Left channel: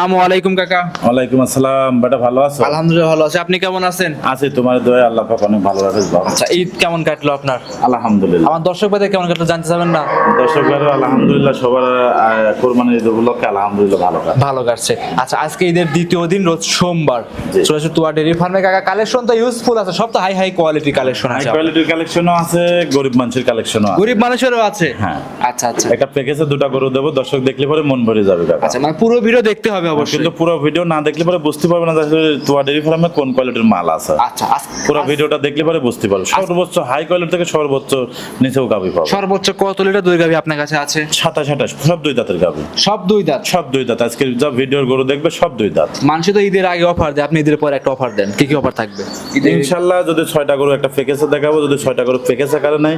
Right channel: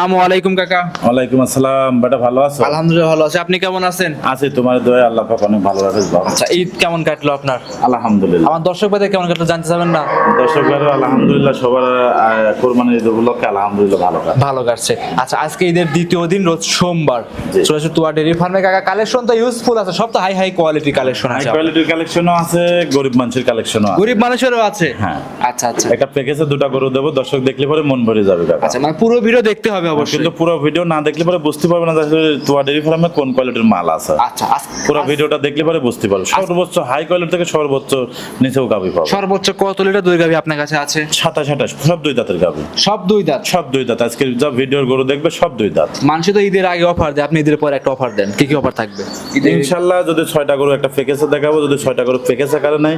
আসসালামু আলাইকুম কাকা। ওয়ালাইকুম আসসালাম। বেটা ভালো আছো? আলহামদুলিল্লাহ ভালো আছি। আপনি কেমন আছেন? আছি তোমার দয়া আল্লাহ পাক অনেক ভালো রাখে আচ্ছা ঈদ কেমন কাটলো আপনার? আলহামদুলিল্লাহ। আমার দর্শক ভাইদের কেমন কাটলো জানতে চাবেন না? দর্শক ভাইরা আলহামদুলিল্লাহ সবার কোরবানির ঈদ উপলক্ষে আলহামদুলিল্লাহ ভালো কাজ ভালো কাটছে। আচ্ছা আজকে ঈদের দ্বিতীয় দিন রোজ সোমবার। চলে আসে তুয়া ডেরি ফার্মে কাকা কালেকশন তো ইউজফুল আছে সব তো high high quality collection high আছে কোয়ালিটির কালেকশনও আছে গরিব মানুষের কালেকশনও আছে। গরিব মানুষেরও আছে? হ্যাঁ। আচ্ছা আচ্ছা। একটা প্যাকেজে দুটো গরু দেবো দর্শক দেখলে পরে মন ভরে যাবে আচ্ছা মানে পুরো ভিডিও দেখতে হবে অবশ্যই কিন্তু পুরো ভিডিও না দেখলে পরে বুঝতে পারবে না আসলে তোয়া ডেরি ফার্মে কোন কোয়ালিটির মাল আছে। আচ্ছা পুরো ভিডিওটা দেখলে পরে বুঝতে পারবে। সর্বোচ্চ হাই কোয়ালিটি থেকে সর্বোচ্চ নিচেও গাবি পাবে। সর্বোচ্চ কত লিটার দই গাভি আপনার কাছে আছে? সাতাশ আঠাশ সব দুই দাঁতের গাবি সব দুই দাঁত? সব দুই দাঁত। আজকে যা ভিডিওর গরু দেখবে সব দুই দাঁত। মানুষ তো ঈদের আগে অফার দেয় আপনি ঈদের পরে একটা অফার দেন। কি কি অফার থাকবে? ইনশাল্লাহ যদি ছয়টা গরু একটা প্যাকেজে দেখাবো যদি ছয়টা গরু প্যাকেজে কারে নাই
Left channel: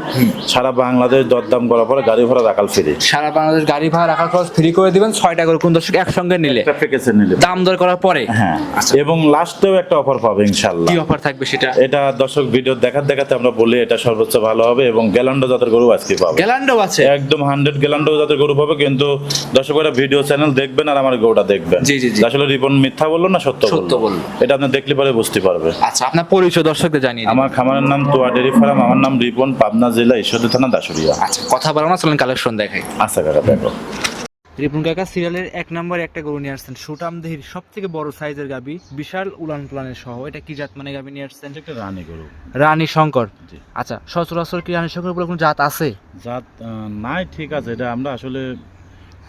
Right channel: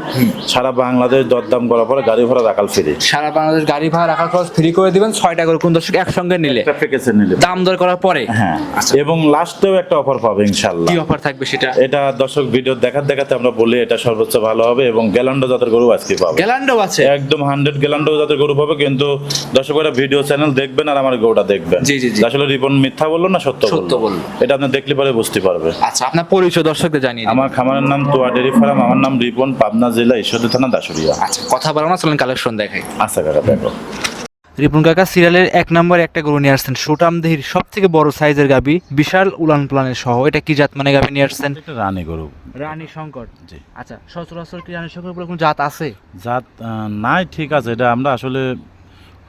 সারা বাংলাদেশ দরদাম করার পরে গাড়ি ভাড়া রাখাল ফ্রি সারা বাংলাদেশ গাড়ি ভাড়া রাখার খরচ ফ্রি করে দিবেন ছয়টা করে কোন দর্শক একসঙ্গে নিলে। প্যাকেজে নিলে। দাম দর করার পরে? হ্যাঁ। আচ্ছা। এবং লাস্টেও একটা অফার পাবে কি অফার থাকবে সেটা? এটা দর্শক ভিডিও দেখাতে দেখাতে আমরা বলি এটা সর্বোচ্চ ভালো হবে এবং গ্যালান্ডো জাতের গরু আজকে পাবে। গ্যালান্ডো আছে? একদম হান্ড্রেড গ্যালান্ডো জাতের গরু পাবে কিন্তু দর্শকরা ভিডিও চ্যানেল দেখবেন আর আমার গরুটা দেখবেন। জি, জি। আসলে রিপন মিথ্যা বলল না সত্য সত্য বলল। এটা আপনি দেখলে পরে বুঝতে পারবে। আচ্ছা আপনার পরিচয় দর্শকদের জানিয়ে। আমার খামারের নাম তোয়া ডেরি ফার্ম আমার নাম রিপন পাবনা জেলা ঈশ্বরদী থানা দাসুরিয়া। আচ্ছা কথা বলো না চলেন কালেকশন দেখাই। আচ্ছা কাকা দেখো। রিপুন কাকা সিরিয়ালের এক নম্বর একটা গরু নিয়ে আসছেন। সুটাম দেহির সব থেকে বড় সাইজের গাবি বিশাল উলান প্লানের সহ। এটা কি জাত মানে গাবি নিয়ে আসছেন? রানী গরু। রানী শঙ্কর। জি। আচ্ছা সচরাচর কি রানী শঙ্কর বলে কোনো জাত আছে? জাত নাই ঠিক আছে। এটা আমরা আসলে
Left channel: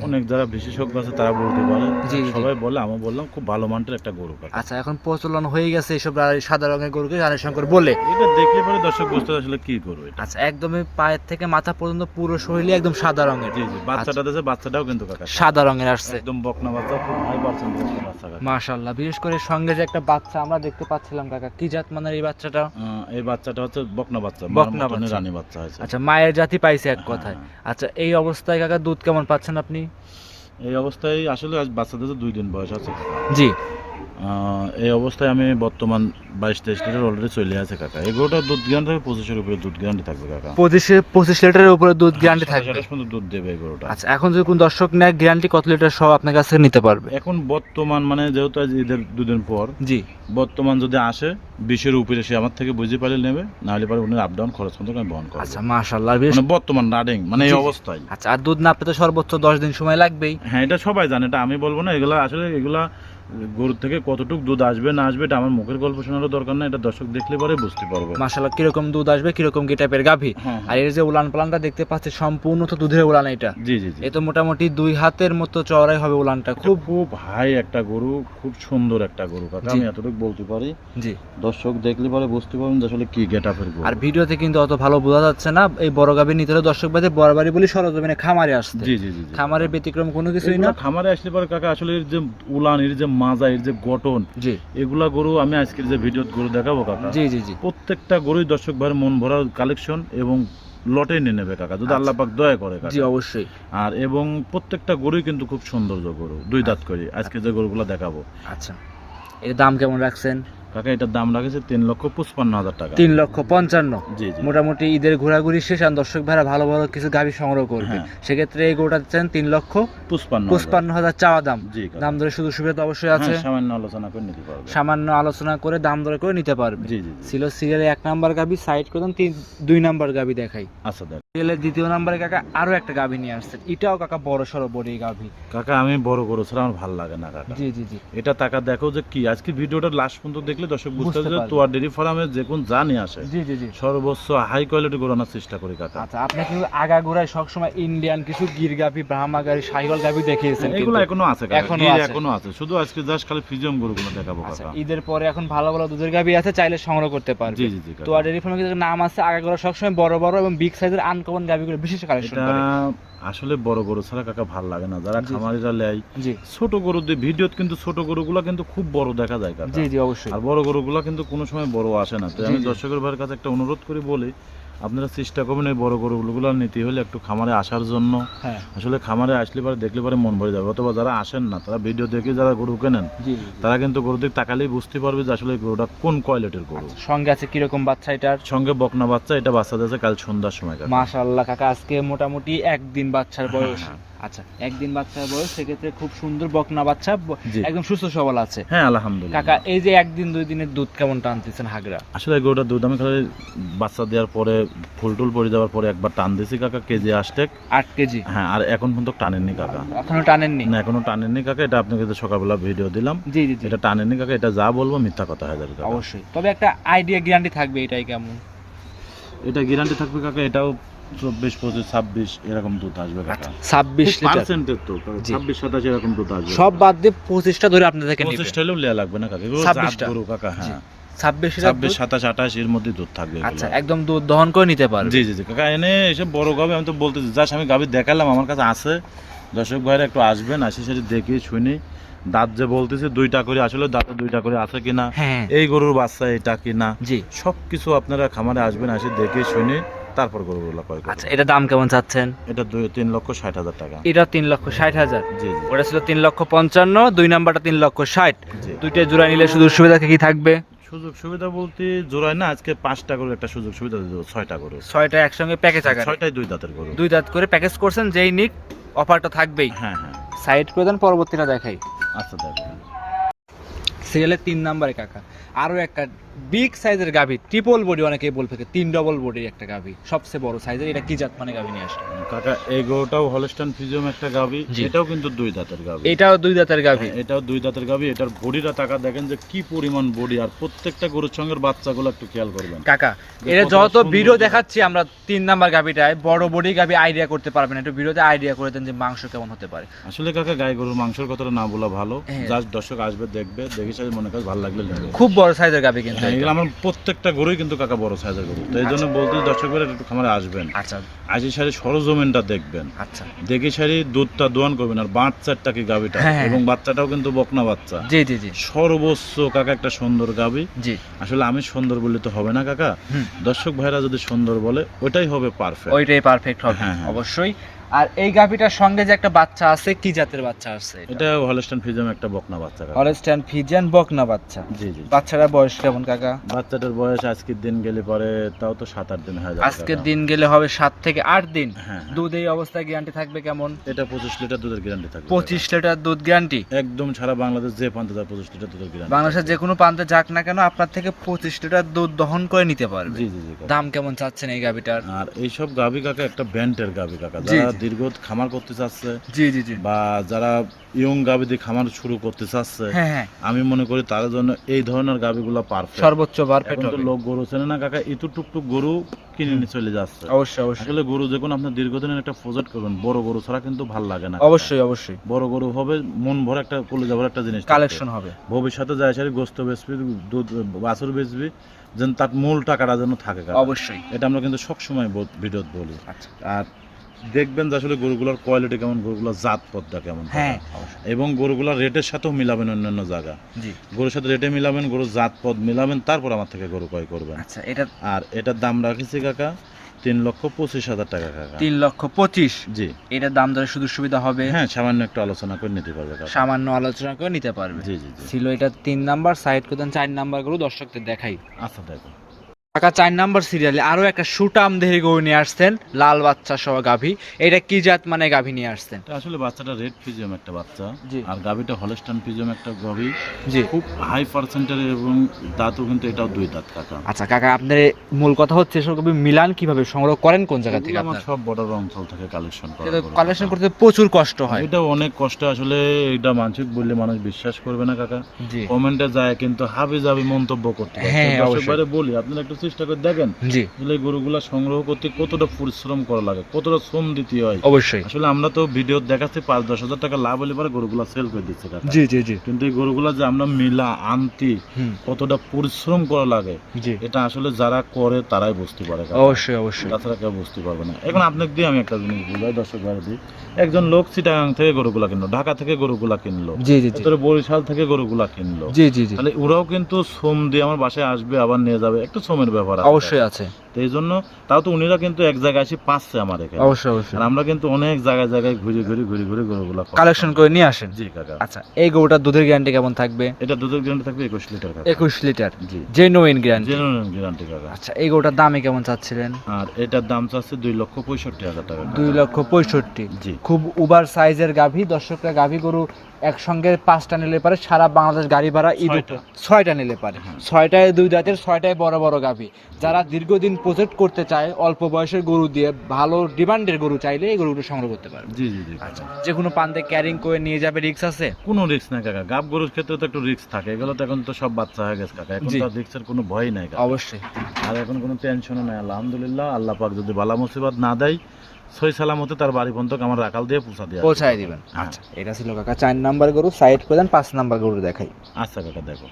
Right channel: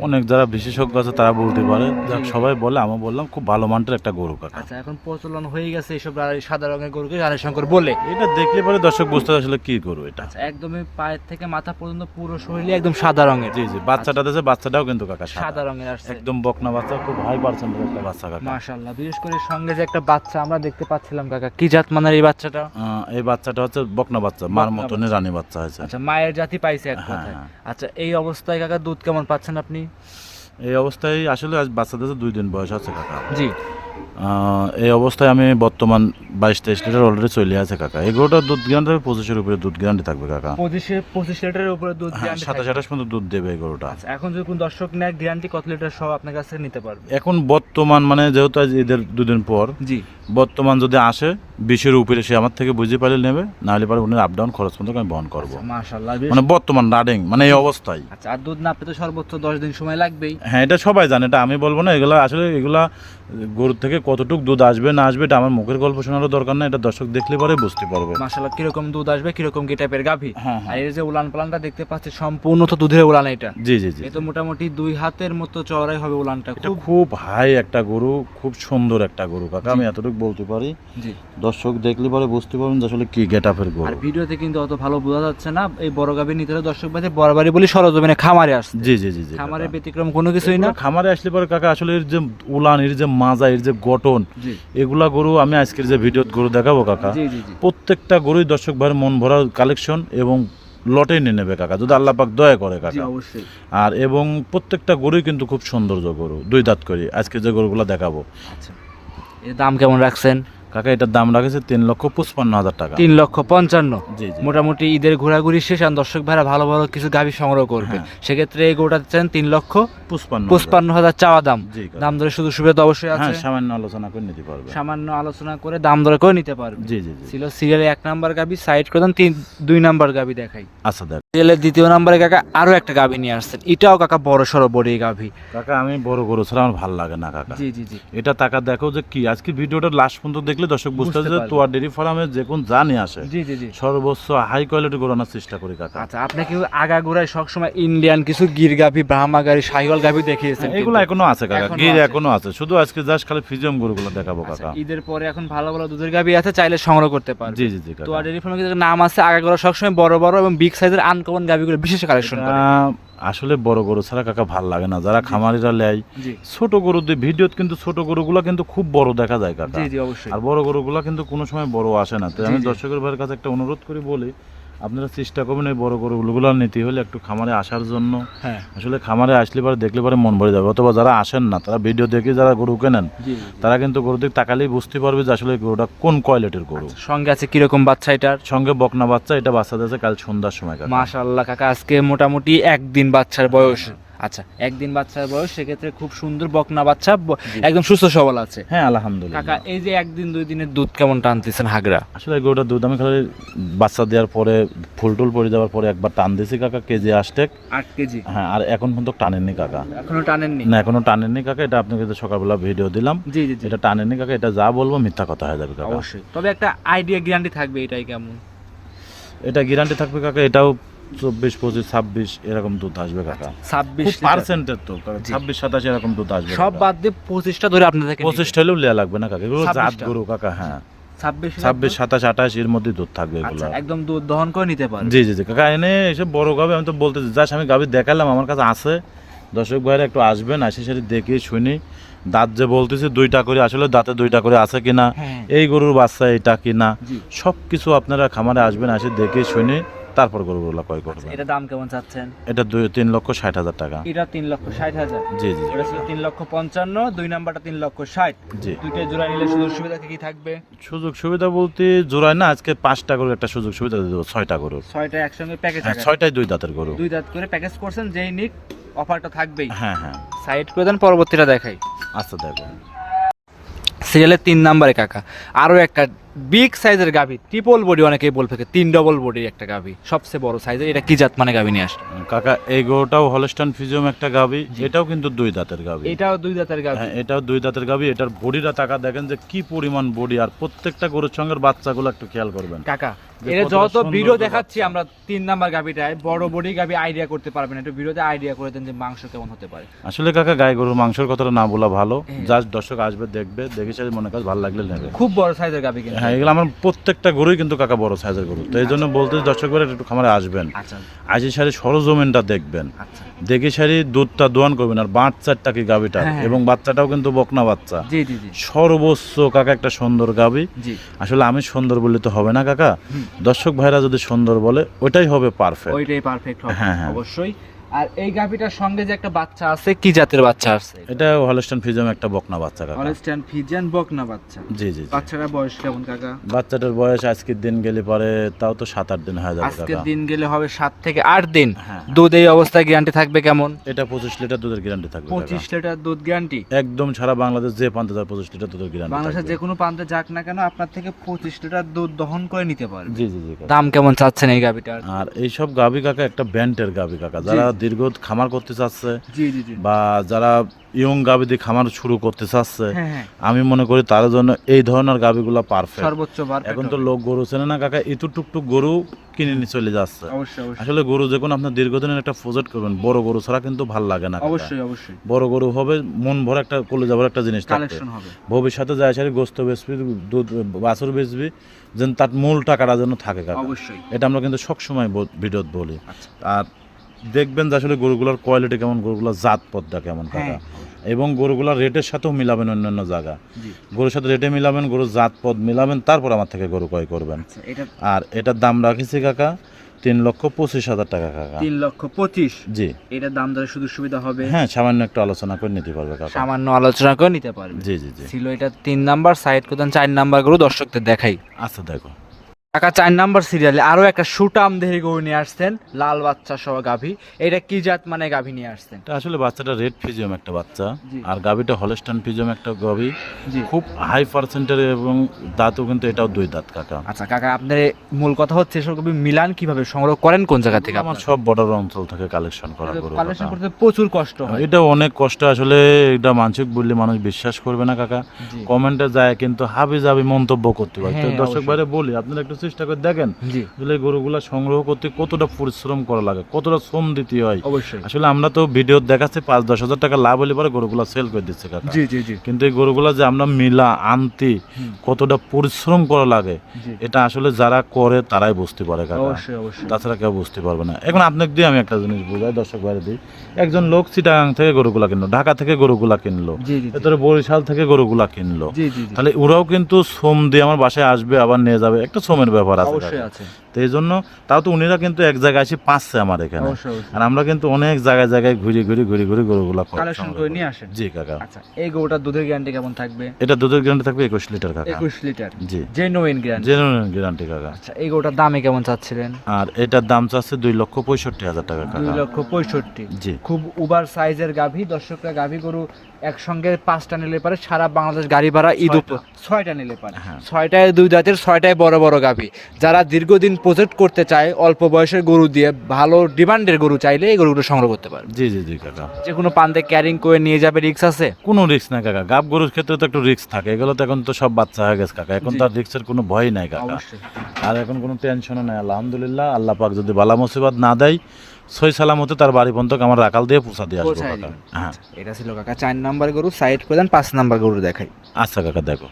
অনেক যারা বিশেষজ্ঞ আছে তারা বলতে পারে। সবাই বলে আমি বললাম খুব ভালো মানটার একটা গরু কাকা। আচ্ছা এখন প্রচলন হয়ে গেছে এসব সাদা রঙের গরুকে রানী শঙ্কর বলে। এটা দেখলে পরে দর্শক বুঝতে আসলে কি গরু এটা। আচ্ছা একদমই পায়ের থেকে মাথা পর্যন্ত পুরো শরীরে একদম সাদা রঙের। জি জি বাচ্চাটা দেশে বাচ্চাটাও কিন্তু কাকা সাদা। রঙের আসছে। একদম বকনা বাচ্চা খুব হাই পার্সেন্ট বকনা বাচ্চা কাকা। মাশাল্লাহ বিশেষ করে সঙ্গে যে একটা বাচ্চা আমরা দেখতে পাচ্ছিলাম কাকা কি জাত মানের এই বাচ্চাটা? এই বাচ্চাটা হচ্ছে বকনা বাচ্চা মার বাচ্চা। রানী বাচ্চা হয়েছে। আচ্ছা মায়ের জাতি পাইছে এক কথায়। হ্যাঁ। আচ্ছা এই অবস্থায় কাকা দুধ কেমন পাচ্ছেন আপনি? এই অবস্থায় আসলে বাচ্চাদের দুই দিন বয়স আছে। জি। এই অবস্থায় আমি বর্তমান বাইশ তেইশ লিটার অলরেডি চলে আছে কাকা। এই গরুটার দুধ গ্যারান্টি পঁচিশের উপরে দুধ গ্যারান্টি থাকবে কাকা। পঁচিশে পঁচিশ লিটারের উপরে দুধ গ্যারান্টি সাতাশ থাকবে। আঠাশ পর্যন্ত দুধ দেবে এই গরুটা। আচ্ছা এখন যদি কোন দর্শক নেয় গ্যারান্টি কত লিটার সব আপনার কাছে নিতে পারবে? এখন বর্তমান মানে যেহেতু ঈদের দুদিন পর জি। বর্তমান যদি আসে বিশের উপরে সে আমার থেকে বুঝে পারলে নেবে নাহলে পারে উনি আপ ডাউন খরচ পর্যন্ত আমি বহন করব। আচ্ছা মানে বর্তমান রানিং মানে এই অবস্থায়। আচ্ছা আর দুধ না পেতে সর্বোচ্চ দশ দিন সময় লাগবেই। হ্যাঁ এটা সবাই জানে এটা আমি বলব না এগুলো আসলে এগুলা গরুর থেকে কতটুক দুধ আসবে না আসবে এটা আমার মুখের গল্প শোনারও দরকার না এটা দর্শক দেখলে পরে বুঝতে পারবে। মাশাল্লাহ কীরকম দুধ আসবে কীরকম কি টাইপের গাভী? হ্যাঁ, আর এর যে উলান পালানটা দেখতে পাচ্ছি সম্পূর্ণ তো দুধের উলান এটা। জি জি জি। এ তো মোটামুটি দুই হাতের মতো চওড়াই হবে উলানটা খুব খুব হাই একটা গরু খুব সুন্দর একটা গরু কাকা আমি এতটুকু বলতে পারি। জি। দর্শক দেখলে পরে বুঝতে পারবেন যে আসলে কি গেট আপের গরু। আর ভিডিওতে কিন্তু অত ভালো বোঝা যাচ্ছে না এই বড় গাভী নিতে হলে দর্শক ভাইদের বড় বাড়ি বলি সরজমিনে খামারে আসছে জি জি জি খামারের ব্যতিক্রম কোনো কিছুই না। খামারে আসলে পরে কাকা আসলে যে উলান এর যে মাজা এর যে গঠন এগুলা গরু আমি আজকের যে ভিডিও গরু দেখাবো কাকা। প্রত্যেকটা গরুই দর্শক ভাইয়ের মন ভরা কালেকশন এবং লটে নিয়ে নেবে কাকা যদি আল্লাহ পাক দয়া করে কাকা। অবশ্যই। আর এবং প্রত্যেকটা গরুই কিন্তু খুব সৌন্দর্য গরু দুই দাঁত করে আজকে যে গরুগুলো দেখাবো। আচ্ছা। এর দাম কেমন রাখছেন? কাকা এটার দাম রাখেছে তিন লক্ষ পঁচপান্ন হাজার টাকা। তিন লক্ষ পঞ্চান্ন। মোটামুটি ঈদের ঘোরাঘুরি শেষ আর দর্শক ভাইরা ভালো ভালো কিছু গাভী সংগ্রহ করবে। হ্যাঁ। সেক্ষেত্রে এই গরুটা চান তিন লক্ষ পঁচপান্ন পঁচপান্ন হাজার চাওয়া দাম। দাম দরে শুধু সুবিধা অবশ্যই আছে। হ্যাঁ সামান্য আলোচনা করে নিতে পারবে। সামান্য আলোচনা করে দাম দরে করে নিতে পারবে। জি জি ছিল সিরিয়ালে এক নাম্বার গাবি সাইড করে দেন তিন দুই নাম্বার গাবি দেখাই। আচ্ছা দেখ সিরিয়ালের দ্বিতীয় নাম্বারে কাকা আরও একটা গাবি নিয়ে আসছেন। এটাও কাকা বড় সড়ো বড় এই গাভি কাকা আমি বড় গরু ছাড়া আমার ভালো লাগে না কাকা। জি জি জি। এটা টাকা দেখো যে কি আজকে ভিডিওটা লাস্ট পর্যন্ত দেখলে দর্শক বুঝতে যে। তোয়ার ডেরি ফার্মে যে কোন নিয়ে আসে। জি জি জি। সর্বোচ্চ হাই কোয়ালিটি গরু আনার চেষ্টা করি কাকা। আচ্ছা আপনি কি কিন্তু আগাগোড়ায় সবসময় ইন্ডিয়ান কিছু গির গাভি ব্রাহ্মা গাড়ি সাইকেল গাভি দেখিয়েছেন এগুলো এখনও আছে কাকা গির এখনও আছে। শুধু আজকে জাস্ট খালি ফিজিয়াম গরুগুলো দেখাবো আচ্ছা কাকা। ঈদের পরে এখন ভালো ভালো দুধের গাভি আছে চাইলে সংগ্রহ করতে পারবে। জি জি জি কাকা। তো ডেরি ফার্মের কিন্তু নাম আছে আগাগোড়া সবসময় বড় বড় এবং বিগ সাইজের আনকমন গাভিগুলো বিশেষ কালেকশন করে। আসলে বড় গরু ছাড়া কাকা ভালো লাগে না। যারা খামারিরা লেয় ছোট গরু দিয়ে ভিডিওত কিন্তু ছোট গরুগুলো কিন্তু খুব বড় দেখা যায় কাকা। জি জি অবশ্যই। আর বড় গরুগুলো কিন্তু কোনো সময় বড় আসে না। তো আমি দর্শকের ভাইয়ের কাছে একটা অনুরোধ করি বলি আপনারা চেষ্টা করবেন এই বড় উলগুলার নিতে হলে একটু খামারে আসার জন্য। হ্যাঁ। আসলে খামারে আসলে পরে দেখলে পরে মন ভরে যাবে। অথবা যারা আসেন না তারা ভিডিও দেখে যারা গরু কেনেন তারা কিন্তু গরু দিকে তাকালেই বুঝতে পারবে যে আসলে গরুটা কোন কোয়ালিটির গরু। সঙ্গে আছে কীরকম বাচ্চা এটার? সঙ্গে বকনা বাচ্চা এটা বাচ্চা দিয়েছে কাল সন্ধ্যার সময় মাসা আল্লাহ কাকা আজকে মোটামুটি একদিন বাচ্চার বয়স। আচ্ছা একদিন বাচ্চার বয়স সেক্ষেত্রে খুব সুন্দর বকনা বাচ্চা একদম সুস্থ সবল আছে। হ্যাঁ আলহামদুলিল্লাহ। কাকা এই যে একদিন দুই দিনের দুধ কেমন টানতেছেন হাগরা আসলে গরুটা দুধ আমি খালি বাচ্চা দেওয়ার পরে ফুল টুল পরে যাওয়ার পরে একবার টান দিয়েছি কাকা কেজি আসতে আট কেজি? হ্যাঁ আর এখন পর্যন্ত টানেননি কাকা। এখনও টানেননি? না এখনও টানেননি কাকা এটা আপনাকে তো সকালবেলা ভিডিও দিলাম জি জি জি। এটা টানেননি কাকা এটা যা বলব মিথ্যা কথা হয়ে যাবে কাকা। অবশ্যই। তবে একটা আইডিয়া গ্যারান্টি থাকবে এটাই কেমন? এটা গ্যারান্টি থাকবে কাকা এটাও চব্বিশ পঁচিশ ছাব্বিশ এরকম দুধ আসবে ছাব্বিশ পার্সেন্টের তো ছাব্বিশ সাতাশ এরকম দুধ আসবে। সব বাদ দিয়ে পঁচিশটা ধরে আপনার থেকে পঁচিশ ঠাইলেও লেয়া লাগবে না কাকা? এগুলো জাত 26টা? গরু কাকা হ্যাঁ। ছাব্বিশ ছাব্বিশ সাতাশ আঠাশ এর মধ্যে দুধ থাকবে আচ্ছা একদম দুধ দহন করে নিতে পারবে। জি জি জি। কাকা এনে এসব বড় গাবে আমি তো বলতে যাস আমি গাবি দেখালাম আমার কাছে আছে। দর্শক ভাইরা একটু আসবেন আসি সারি দেখি শুনি। দাঁত যে বলতেছি দুইটা করে আসলে দাঁতে দুইটা করে আছে কিনা হ্যাঁ। এই গরুর বাচ্চা এটা কিনা জি। সব কিছু আপনারা খামারে আসবেন আসি দেখে শুনে। তারপর গরুগুলো ক্রয় আচ্ছা করবেন এটা দাম কেমন চাচ্ছেন? এটা দুই তিন লক্ষ ষাট হাজার টাকা। এটা তিন লক্ষ ষাট হাজার? জি জি ওটা ছিল তিন লক্ষ পঞ্চান্ন দুই নাম্বারটা তিন লক্ষ ষাট। জি। দুইটা জোড়া নিলে সুযোগ সুবিধা কি থাকবে? সুযোগ সুবিধা বলতে জোড়ায় না আজকে পাঁচটা গরু একটা সুযোগ সুবিধা দিয়ে দেবো ছয়টা গরু। ছয়টা একসঙ্গে প্যাকেজ আকারে ছয়টাই দুই দাঁতের গরু। দুই দাঁত করে প্যাকেজ করছেন যেই নিক অফারটা থাকবেই। হ্যাঁ হ্যাঁ। সাইড করে দেন পরবর্তীটা দেখাই। আচ্ছা দেখো। সিরিয়ালের তিন নাম্বারে কাকা। আরও একটা বিগ সাইজের গাভি ট্রিপল বডি অনেকেই বল থাকে তিন ডবল বডির একটা গাভি সবচেয়ে বড় সাইজের এটা কি জাত মানে গাভি নিয়ে আসে কাকা এই গরুটাও হলস্টান ফিজিয়াম একটা জি। এটাও কিন্তু দুই দাঁতের গাবি এটাও দুই দাঁতের গাভি। হ্যাঁ, এটাও দুই দাঁতের গাবি এটার বডিটা টাকা দেখেন যে কি পরিমাণ বডি আর প্রত্যেকটা গরুর সঙ্গে বাচ্চাগুলো একটু খেয়াল করবেন। কাকা এটা যত ভিডিও দেখাচ্ছি আমরা তিন নাম্বার গাভিটায় বড় বডি গাভি আইডিয়া করতে পারবেন একটু ভিডিওতে আইডিয়া করে দেন যে মাংস কেমন হতে পারে। আসলে কাকা গায়ে গরুর মাংসের কথাটা না বলা ভালো হ্যাঁ। যার দর্শক আসবে দেখবে দেখে মনে কাজ ভালো লাগলে খুব বড় সাইজের গাভি কিন্তু। হ্যাঁ এগুলো আমার প্রত্যেকটা গরুই কিন্তু কাকা বড় সাইজের গরু। তো এই জন্য বলতে দর্শক ভাইরা একটু খামারে আসবেন। আচ্ছা। আজি সারি সরজমিনটা দেখবেন। আচ্ছা। দেখে সারি দুধটা দোয়ান করবেন আর বাচ্চারটা কি গাবিটা? হ্যাঁ, হ্যাঁ। এবং বাচ্চাটাও কিন্তু বকনা বাচ্চা। জি জি জি। সর্বোচ্চ কাকা একটা সুন্দর গাবি। জি। আসলে আমি সুন্দর বললে তো হবে না কাকা। দর্শক ভাইরা যদি সুন্দর বলে ওইটাই হবে পারফেক্ট ওইটাই পারফেক্ট হবে। অবশ্যই। আর এই গাভিটার সঙ্গে যে একটা বাচ্চা আছে কি জাতের বাচ্চা আছে এটা? হলস্টান ফিজাম একটা বকনা বাচ্চা কাকা। অরেস্টান ফিজিয়ান বকনা বাচ্চা। জি জি। বাচ্চাটার বয়স কেমন কাকা? বাচ্চাটার বয়স আজকের দিন গেলে পরে তাও তো সাত আট দিন হয়ে যাবে আজকের দিন গেলে হবে সাত থেকে আট দিন। হ্যাঁ দুধ এই অবস্থায় গ্যারান্টি থাকবে কেমন? এটা পঁচিশ লিটার দুধের গ্যারান্টি থাকবে পঁচিশ লিটার দুধ গ্যারান্টি একদম সারা বাংলাদেশ যে পান্তে তার পঁচিশ লিটার দুধের গ্যারান্টি বাংলাদেশের যে কোনো প্রান্তে যাক না কেন আপনার থেকে পঁচিশ লিটার দুধ দহন করে নিতে পারবে। জি জি জি দাম কেমন চাচ্ছেন এই গাভিটার? আর এইসব গাভি কাকা একটা ব্যান্ডের গাভি কাকা। যারা। দীর্ঘ খামার করতে চাচ্ছে জি জি জি। বা যারা ইয়ং গাভি দিয়ে খামার শুরু করতে চাচ্ছে হ্যাঁ হ্যাঁ। আমি মনে করি তার জন্য এই ধরনের গাভিগুলো পারফেক্ট সর্বোচ্চ এখন তো লোক গরু চেনে না কাকা ইতু টুকটুক গরু কিনে নিয়ে চলে যাচ্ছে। অবশ্যই অবশ্যই। আসলে গরু যখন আপনার দীর্ঘদিনের একটা প্রজেক্ট করবেন বড় গরু ছাড়া কিন্তু ভালো লাগে না অবশ্যই অবশ্যই। বড় গরু হবে মন ভরা একটা কলে যাবার একটা জিনিস কালেকশন হবে। ভবিষ্যতে যায় সারি গোস্ত বেচবি দুধ বাছুর বেচবি যেন তার মূল টাকাটা যেন থাকে অবশ্যই। এটা আমরা কিন্তু সবসময় ভিডিওত বলি। আচ্ছা। আর দেখবেন যে আসলে গরুগুলোর কোয়ালিটি কেমন গরুগুলোর জাত পদটা কেমন হ্যাঁ। এবং গরুগুলোর রেটের সাথেও মিলাবেন অন্যান্য জায়গা। গরুর সাথে রেটে মিলাবেন গরুর জাত পদ মিলাবেন তারপর আমার থেকে গরু ক্রয় করবেন। আচ্ছা আর এটার দাম রাখিছি কাকা তিন লক্ষ পঁচিশ হাজার টাকা কাকা। তিন লক্ষ পঁচিশ? জি। এটার দাম দরে সুযোগ সুবিধা হবে? হ্যাঁ সামান্য একটু আলোচনা করে নিতে পারবে কাকা। সামান্য আলোচনা করে নিতে পারবে। জি জি জি। ছিল এটা তিন নাম্বার সাইড করতেন চার নাম্বার গরু দর্শকদের দেখাই। আচ্ছা দেখো। কাকা চার নাম্বার সিরিয়ালে আরও একটা সুটাম দেহি গরু নিয়ে আসছেন লাল বাচ্চা সহ গাভী। এটা কি জাত মানে গাভী নিয়ে আসছেন? এটা আসলে বাচ্চাটা রেড ফিজিয়াম একটা বাচ্চা। জি। আর গাভিটা হলস্টান ফিজিয়াম একটা গাভি। জি। খুব হাই পার্সেন্টের এবং দাঁতও কিন্তু এটাও দুই দাঁত কাকা। আচ্ছা কাকা আপনার মূল কথা হচ্ছে এসব গাভী মিলান কীভাবে? সংগ্রহ করেন কোন জায়গা থেকে আমার সব বর্ডার অঞ্চল থেকে কালেকশন করা গরু। কালেকশন কাকা। করতে প্রচুর কষ্ট হয়। এটা অনেক কষ্ট আসলে এটা মানসিক বললে মানুষ বিশ্বাস করবে না কাকা। জি। কমেন্টে যায় কিন্তু হাবি যাবি মন্তব্য করতে পারে হ্যাঁ, দর্শক অবশ্যই। ভাইরা বলি আপনারা একটু চেষ্টা করে দেখেন জি। আসলে গরুগুলা সংগ্রহ করতে কতটা পরিশ্রম করা লাগে কতটা শ্রম দিতে হয়। অবশ্যই। আসলে আমরা তো ভিডিও দেখাচ্ছি পাঁচ দশ হাজার টাকা লাভ হলে পরে গরুগুলা সেল করে দিচ্ছে জি জি জি। কিন্তু এই গরুগুলা যে আমরা মিলা আনতি কতটা পরিশ্রম করা লাগে এটা আসলে যারা করে তারাই বুঝতে পারে অবশ্যই অবশ্যই। তাছাড়া কেউ বুঝতে পারবে না। এখন আপনাকে দিয়ে আমি একটা জিনিস বুঝাই দর্শক বাইরে দিই একজন লোক চিটাগাং থেকে গরুগুলা কিনলো ঢাকা থেকে গরুগুলা কিনলো বরিশাল থেকে গরুগুলা কিনলো। তাহলে ওরাও কিন্তু শ্রম দিয়ে আমার বাসায় আসবে আবার নিয়ে যাবে একটা শ্রমের ব্যাপার আছে অবশ্যই আছে। তো এই জন্য তাও তো উনিরা কিন্তু এক জায়গায় এসে পাচ্ছে আমার এখানে। অবশ্যই অবশ্যই। আর আমরা কিন্তু অনেক জায়গায় জায়গায় ঘুরে ঘুরে ঘুরে ঘুরে গরুগুলো। কালেকশন করে নিয়ে আসেন? জি কাকা। আচ্ছা এই গরুটার দুধের গ্যারান্টি কেমন থাকবে? এটা দুধের গ্যারান্টি থাকবে একুশ লিটার কাকা। একুশ লিটার জি। জেনুইন গ্যারান্টি জেনুইন গ্যারান্টি কাকা। আচ্ছা এই গরুটার দামে কেমন চাচ্ছিলেন? আর এটার দাম চাচ্ছে দুই লক্ষ পঁয়ষট্টি হাজার টাকা। দুই লক্ষ পঁয়ষট্টি। জি। খুব উবার সাইজের গাভী দর্শকরা গাভী গরু একসঙ্গে পাঁচটা নিলে পারে সারা বাংলাদেশ গাড়ি ভাড়া ঈদ উপ- ছয়টা নিলে পারে। হ্যাঁ। ছয়টায় দুই জাতের ছয়টায় বড় বড় গাভী। যারা দীর্ঘদিন প্রজেক্ট করতে চায় অল্প বয়সের গরু দিয়ে ভালো ডিমান্ডের গরু চাইলে এই গরুগুলো সংগ্রহ করতে পারে জি জি জি কাকা। যে কোনো পান্তে ক্যারিং করে নিয়ে যাবে রিক্স আছে? কোনো রিক্স নাই কাকা। গাব গরুর ক্ষেত্রে তো একটু রিস্ক থাকে। এগুলো তো এখন তো সব বাচ্চা হয়ে গেছে কাকা। এখন জি। তো আর রিস্কের কোনো ভয় নাই কাকা। অবশ্যই। আর এখন কোনো টেনশনও নাই। আলহামদুলিল্লাহ আল্লাহ পাক যদি বালা মুসিবত না দেয় সই সালামতে তার বাড়ি পর্যন্ত আমার রাকাল দিয়ে পৌঁছা দিয়ে পৌঁছায় দিবেন। হ্যাঁ। আচ্ছা, এটা ছিল কাকা। চার নাম্বার গরু সাইড করে পাঁচ নাম্বার গরু দেখাই। আচ্ছা কাকা দেখো।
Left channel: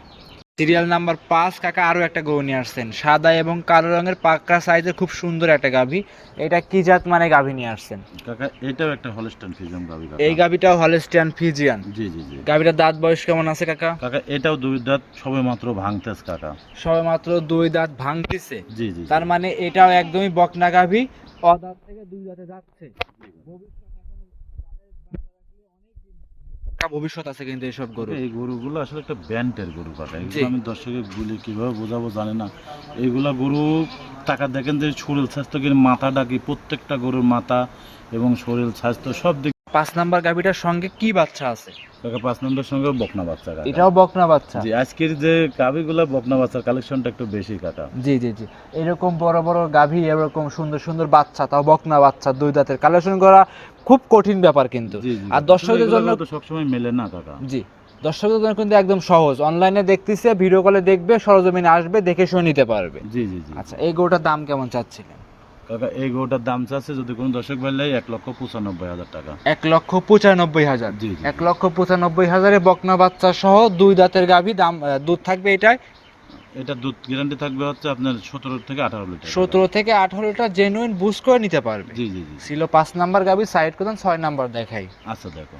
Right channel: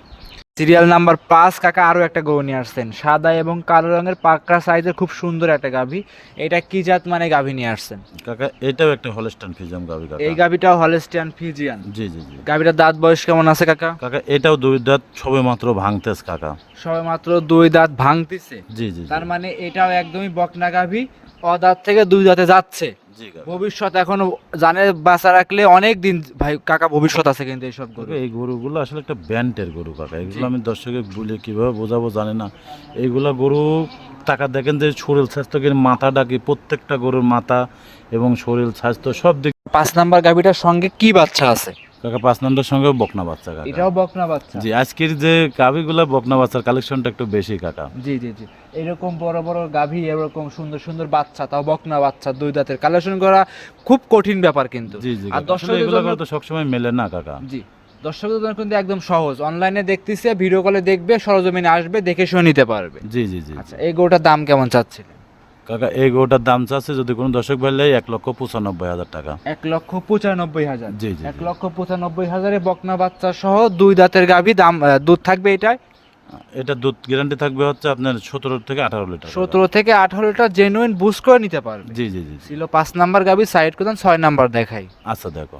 সিরিয়াল নাম্বার পাঁচ কাকা আরও একটা গরু নিয়ে আসছেন। সাদা এবং কালো রঙের পাক্কা সাইজের খুব সুন্দর একটা গাভী। এটা কি জাত মানে গাভী নিয়ে আসছেন? কাকা এটাও একটা হলস্টান গাবি কাকা। এই গাভীটাও হলস্টিয়ান ফিজিয়ান জি জি জি। গাভীটার দাঁত বয়স কেমন আছে কাকা? কাকা এটাও দুই দাঁত সবে মাত্র ভাঙতেস কাকা। সবে মাত্র দুই দাঁত ভাঙতেছে। জি জি। তার মানে এটাও একদমই বকনা গাভী। অদাঁত থেকে দুই দাঁতে যাচ্ছে। জি ভবিষ্যৎ এখনও জানে বাঁচা রাখলে অনেক দিন ভাই কাকা ভবিষ্যৎ আছে কিন্তু এইসব গরু। এই গরুগুলো আসলে একটা ব্যান্ডের গরু কাকা। এগুলো আমি দর্শকের বলে কীভাবে বোঝাবো জানি না। এইগুলা গরু টাকা দেখেন যে শরীর স্বাস্থ্যের মাথা ডাকি প্রত্যেকটা গরুর মাথা এবং শরীর স্বাস্থ্য সব দিক পাঁচ নাম্বার গাভীটার সঙ্গে কি বাচ্চা আছে? কাকা পাঁচ নম্বরের সঙ্গে বকনা বাচ্চা কাকা। এটাও বকনা বাচ্চা। জি আজকের যে গাভিগুলো বকনা বাচ্চার কালেকশনটা একটু বেশি কাকা। জি জি জি। এরকম বড় বড় গাভী এরকম সুন্দর সুন্দর বাচ্চা তাও বকনা বাচ্চা দুই দাঁতের কালেকশন করা খুব কঠিন ব্যাপার কিন্তু। আর। দর্শকদের জন্য তো সবসময় মেলে না কাকা। জি দর্শকদের জন্য কিন্তু একদম সহজ। অনলাইনে দেখতেছে ভিডিও কলে দেখবে সরজমিনে আসবে দেখে শুনে নিতে পারবে। জি জি জি। আচ্ছা এই গোটার দাম কেমন চাচ্ছিলেন? কাকা এই গরুটার দাম চাচ্ছে যদি কোনো দর্শক ভাইলে এক লক্ষ পঁচানব্বই হাজার টাকা। এক লক্ষ পঁচানব্বই হাজার। জি এক লক্ষ পঁচানব্বই হাজারে বকনা বাচ্চা সহ দুই দাঁতের গাভী দাম দুধ থাকবে এটাই এটা দুধ গ্যারান্টি থাকবে হচ্ছে আপনার সতেরো থেকে আঠারো লিটার। সতেরো থেকে আঠারো লিটার জেনুইন বুস করে নিতে পারবে। জি জি জি ছিল পাঁচ নাম্বার গাভী সাইড করে ছয় নাম্বার দেখাই। আচ্ছা দেখো।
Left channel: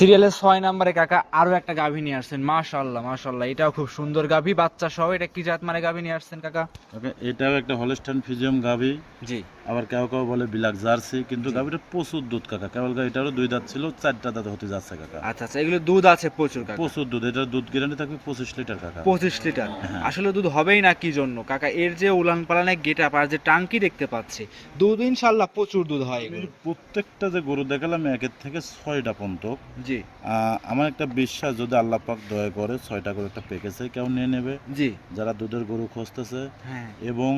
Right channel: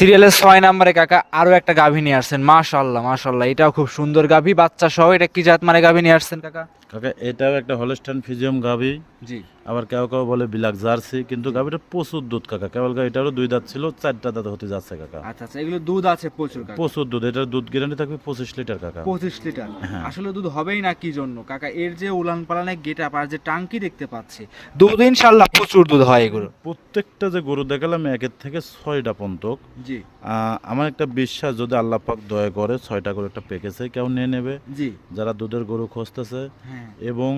সিরিয়ালের ছয় নাম্বারে কাকা আরও একটা গাভী নিয়ে আসছেন মাশাল্লাহ মাশাল্লাহ এটাও খুব সুন্দর গাভী বাচ্চা সহ এটা কি জাত মানে গাভী নিয়ে আসছেন কাকা? কাকা এটাও একটা হলস্টাইন ফিজিয়াম গাভি। জি। আবার কেউ কেউ বলে বিলাক জার্সি কিন্তু গাভিটা প্রচুর দুধ কাকা। কেবল গা এটারও দুই দাঁত ছিল চারটা দাঁত হতে যাচ্ছে কাকা। আচ্ছা আচ্ছা এগুলো দুধ আছে প্রচুর কাকা। প্রচুর দুধ এটার দুধ গ্যারান্টি থাকবে পঁচিশ লিটার কাকা। পঁচিশ লিটার। হ্যাঁ। আসলে দুধ হবেই না কি জন্য? কাকা এর যে উলান পালানের গেট আপ আর যে টাঙ্কি দেখতে পাচ্ছি দুধ ইনশাল্লাহ প্রচুর দুধ হয় এগুলো। প্রত্যেকটা যে গরু দেখালাম একের থেকে ছয়টা পর্যন্ত জি। আমার একটা বিশ্বাস যদি আল্লাহ পাক দয়া করে ছয়টা করে একটা প্যাকেজে কেউ নিয়ে নেবে। জি। যারা দুধের গরু খুঁজতেছে হ্যাঁ। এবং